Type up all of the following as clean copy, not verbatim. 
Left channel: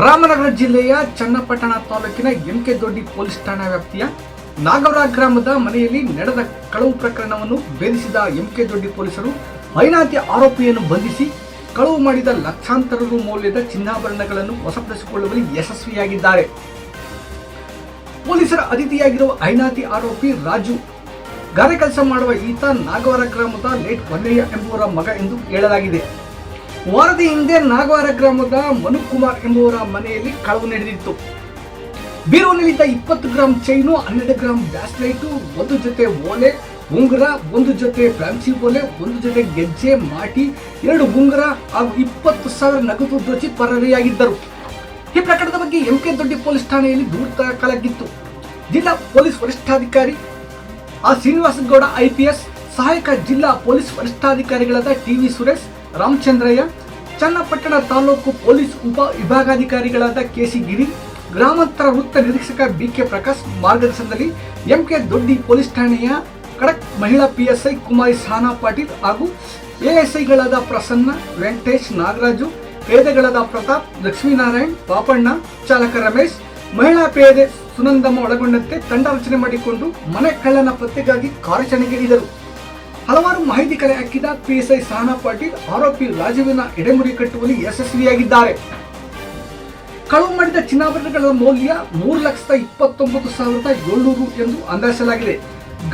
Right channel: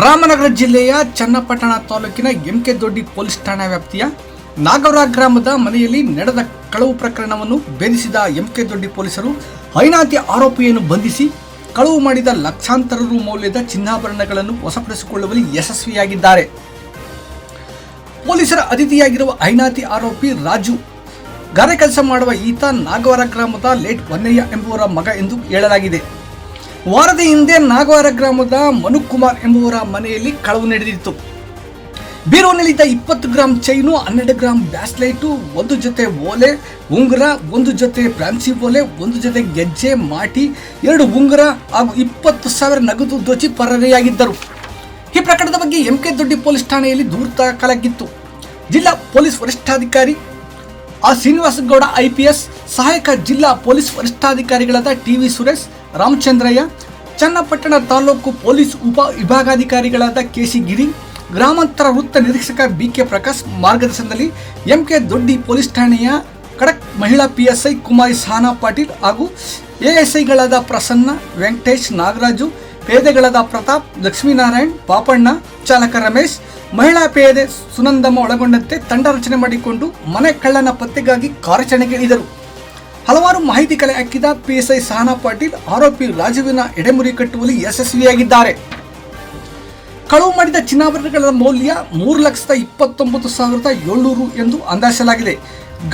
ರಾಮನಗರ ಜಿಲ್ಲೆಯ ಚನ್ನಪಟ್ಟಣ ತಾಲೂಕಿನ ಎಂಕೆ ದೊಡ್ಡಿ ಪೊಲೀಸ್ ಠಾಣಾ ವ್ಯಾಪ್ತಿಯ ನಾಗವರ ಗ್ರಾಮದ ಮನೆಯಲ್ಲಿ ನಡೆದ ಕಳವು ಪ್ರಕರಣವನ್ನು ಭೇದಿಸಿದ ಎಂಕೆ ದೊಡ್ಡಿ ಪೊಲೀಸರು ಐನಾತಿ ಆರೋಪಿಯನ್ನು ಬಂಧಿಸಿ ಕಳವು ಮಾಡಿದ ಲಕ್ಷಾಂತರ ರು ಮೌಲ್ಯದ ಚಿನ್ನಾಭರಣಗಳನ್ನು ವಶಪಡಿಸಿಕೊಳ್ಳುವಲ್ಲಿ ಯಶಸ್ವಿಯಾಗಿದ್ದಾರೆ. ಪೊಲೀಸರ ಅತಿಥಿಯಾಗಿರುವ ಐನಾತಿ ಆರೋಪಿ ರಾಜು ಗಾರೆ ಕೆಲಸ ಮಾಡುವ ಈತ ನಾಗವರ ಗ್ರಾಮದ ಲೇಟ್ ಹೊನ್ನಯ್ಯ ಎಂಬುವರ ಮಗ ಎಂದು ಹೇಳಲಾಗಿದೆ. ವಾರದ ಹಿಂದೆ ನಾಗವಾರ ಗ್ರಾಮದ ಮನುಕುಮಾರ್ ಎಂಬುವರ ಮನೆಯಲ್ಲಿ ಕಳವು ನಡೆದಿತ್ತು. ಬೀರುವಿನಲ್ಲಿದ್ದ 20 ಗ್ರಾಂ ಚೈನು, 12 ಗ್ರಾಂ ಬ್ಯಾಸ್ಲೈಟು, 1 ಜೊತೆ ಓಲೆ ಉಂಗುರ, 1 ಜೊತೆ ಫ್ಯಾನ್ಸಿ ಓಲೆ, 1 ಜೊತೆ ಗೆಜ್ಜೆ, ಮಾಟಿ, 2 ಉಂಗುರ ಹಾಗೂ 20,000 ನಗದು ದೋಚಿ ಪರಾರಿಯಾಗಿದ್ದರು. ಈ ಪ್ರಕರಣದ ಬಗ್ಗೆ ಎಂಕೆ ದೊಡ್ಡಿ ಪೊಲೀಸ್ ಠಾಣೆಯಲ್ಲಿ ದೂರು ದಾಖಲಾಗಿತ್ತು. ಜಿಲ್ಲಾ ಪೊಲೀಸ್ ವರಿಷ್ಠಾಧಿಕಾರಿ ಶ್ರೀನಿವಾಸಗೌಡ IPS, ಸಹಾಯಕ ಜಿಲ್ಲಾ ಪೊಲೀಸ್ ವರಿಷ್ಠಾಧಿಕಾರಿಗಳಾದ TV ಸುರೇಶ್, ರಾಮಚಂದ್ರಯ್ಯ, ಚನ್ನಪಟ್ಟಣ ತಾಲೂಕು ಪೊಲೀಸ್ ಉಪ ವಿಭಾಗಾಧಿಕಾರಿಗಳಾದ KC ಗಿರಿ, ಗ್ರಾಮಾಂತರ ವೃತ್ತ ನಿರೀಕ್ಷಕ BK ಪ್ರಕಾಶ್ ಮಾರ್ಗದರ್ಶನದಲ್ಲಿ ಎಂಕೆ ದೊಡ್ಡಿ ಪೊಲೀಸ್ ಠಾಣೆಯ ಖಡಕ್ ಮಹಿಳಾ PSI ಕುಮಾರಿ ಸಹನಾ ಪಾಟೀಲ್ ಹಾಗೂ ASIಗಳಾದ ಪ್ರಸನ್ನ, ವೆಂಕಟೇಶ್, ನಾಗರಾಜು, ಪೇದೆಗಳಾದ ಪ್ರತಾಪ್, ಲಕ್ಷ್ಮೀನಾರಾಯಣ್, ಪಾಪಣ್ಣ, ಚಾಲಕ ರಮೇಶ್, ಮಹಿಳಾ ಪೇದೆ ಸುನಂದಮ್ಮ ಒಳಗೊಂಡಂತೆ ತಂಡ ರಚನೆ ಮಾಡಿಕೊಂಡು ಮನೆ ಕಳ್ಳನ ಪತ್ತೆಗಾಗಿ ಕಾರ್ಯಾಚರಣೆಗೆ ಇಳಿದರು. ಹಲವಾರು ಮಾಹಿತಿ ಕಲೆ ಹಾಕಿದ PSI ಸಹನಾ ಪಾಟೀಲ್ ಆರೋಪಿ ರಾಜುವಿನ ಎಡೆಮುರಿ ಕಟ್ಟುವಲ್ಲಿ ಯಶಸ್ವಿಯಾಗಿದ್ದಾರೆ. ಕಳವು ಮಾಡಿದ ಚಿನ್ನಾಭರಣಗಳ ಮೌಲ್ಯ 3,29,700 ಎಂದು ಅಂದಾಜಿಸಲಾಗಿದೆ.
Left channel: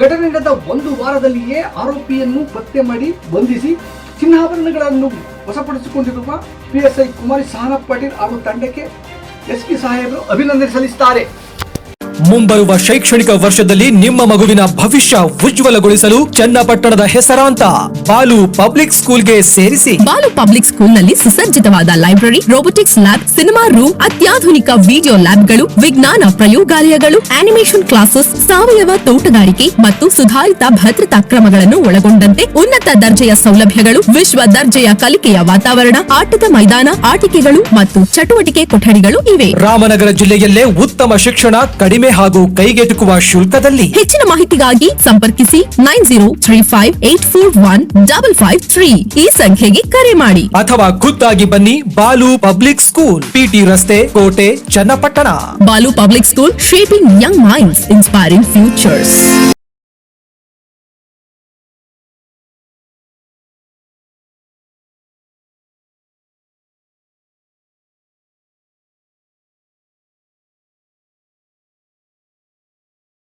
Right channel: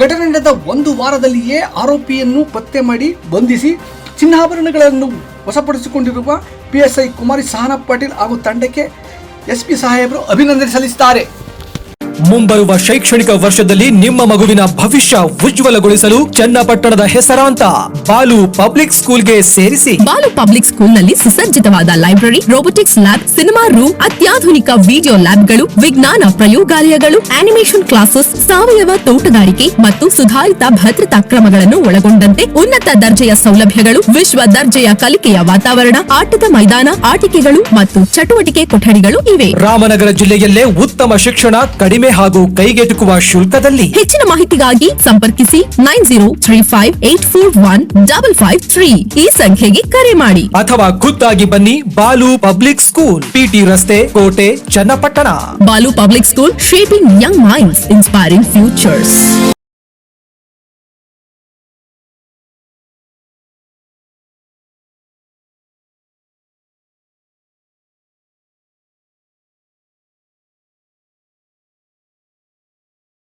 ಘಟನೆ ನಡೆದ 1 ವಾರದಲ್ಲಿಯೇ ಆರೋಪಿಯನ್ನು ಪತ್ತೆ ಮಾಡಿ ಬಂಧಿಸಿ ಚಿನ್ನಾಭರಣಗಳನ್ನು ವಶಪಡಿಸಿಕೊಂಡಿರುವ PSI ಕುಮಾರಿ ಸಹನಾ ಪಾಟೀಲ್ ಹಾಗೂ ತಂಡಕ್ಕೆ SP ಸಾಹೇಬರು ಅಭಿನಂದನೆ ಸಲ್ಲಿಸಿದ್ದಾರೆ. ಮುಂಬರುವ ಶೈಕ್ಷಣಿಕ ವರ್ಷದಲ್ಲಿ ನಿಮ್ಮ ಮಗುವಿನ ಭವಿಷ್ಯ ಉಜ್ವಲಗೊಳಿಸಲು ಚನ್ನಪಟ್ಟಣದ ಹೆಸರಾಂತ ಬಾಲು ಪಬ್ಲಿಕ್ ಸ್ಕೂಲ್ಗೆ ಸೇರಿಸಿ. ಬಾಲು ಪಬ್ಲಿಕ್ ಸ್ಕೂಲ್ನಲ್ಲಿ ಸುಸಜ್ಜಿತವಾದ library, robotics lab, cinema room, ಅತ್ಯಾಧುನಿಕ ವಿಡಿಯೋ ಲ್ಯಾಬ್ಗಳು, ವಿಜ್ಞಾನ ಪ್ರಯೋಗಾಲಯಗಳು, ಆನಿಮೇಷನ್ ಕ್ಲಾಸಸ್, ಸಾವಯವ ತೋಟಗಾರಿಕೆ ಮತ್ತು ಸುಧಾರಿತ ಭದ್ರತಾ ಕ್ರಮಗಳನ್ನು ಒಳಗೊಂಡಂತೆ ಉನ್ನತ ದರ್ಜೆಯ ಸೌಲಭ್ಯಗಳು, ವಿಶ್ವ ದರ್ಜೆಯ ಕಲಿಕೆಯ ವಾತಾವರಣ, ಆಟದ ಮೈದಾನ, ಆಟಿಕೆಗಳು ಮತ್ತು ಚಟುವಟಿಕೆ ಕೊಠಡಿಗಳು ಇವೆ. ರಾಮನಗರ ಜಿಲ್ಲೆಯಲ್ಲೇ ಉತ್ತಮ ಶಿಕ್ಷಣ, ಕಡಿಮೆ ಹಾಗೂ ಕೈಗೆಟುಕುವ ಶುಲ್ಕದಲ್ಲಿ. ಹೆಚ್ಚಿನ ಮಾಹಿತಿಗಾಗಿ ಸಂಪರ್ಕಿಸಿ 9035841553 ಈ ಸಂಖ್ಯೆಗೆ ಕರೆ ಮಾಡಿ ಅಥವಾ ಖುದ್ದಾಗಿ ಬನ್ನಿ. ಬಾಲು ಪಬ್ಲಿಕ್ ಸ್ಕೂಲ್, PT ರಸ್ತೆ, ಕೋಟೆ, Channapatna. Balu public school, shaping young minds, inspiring futures.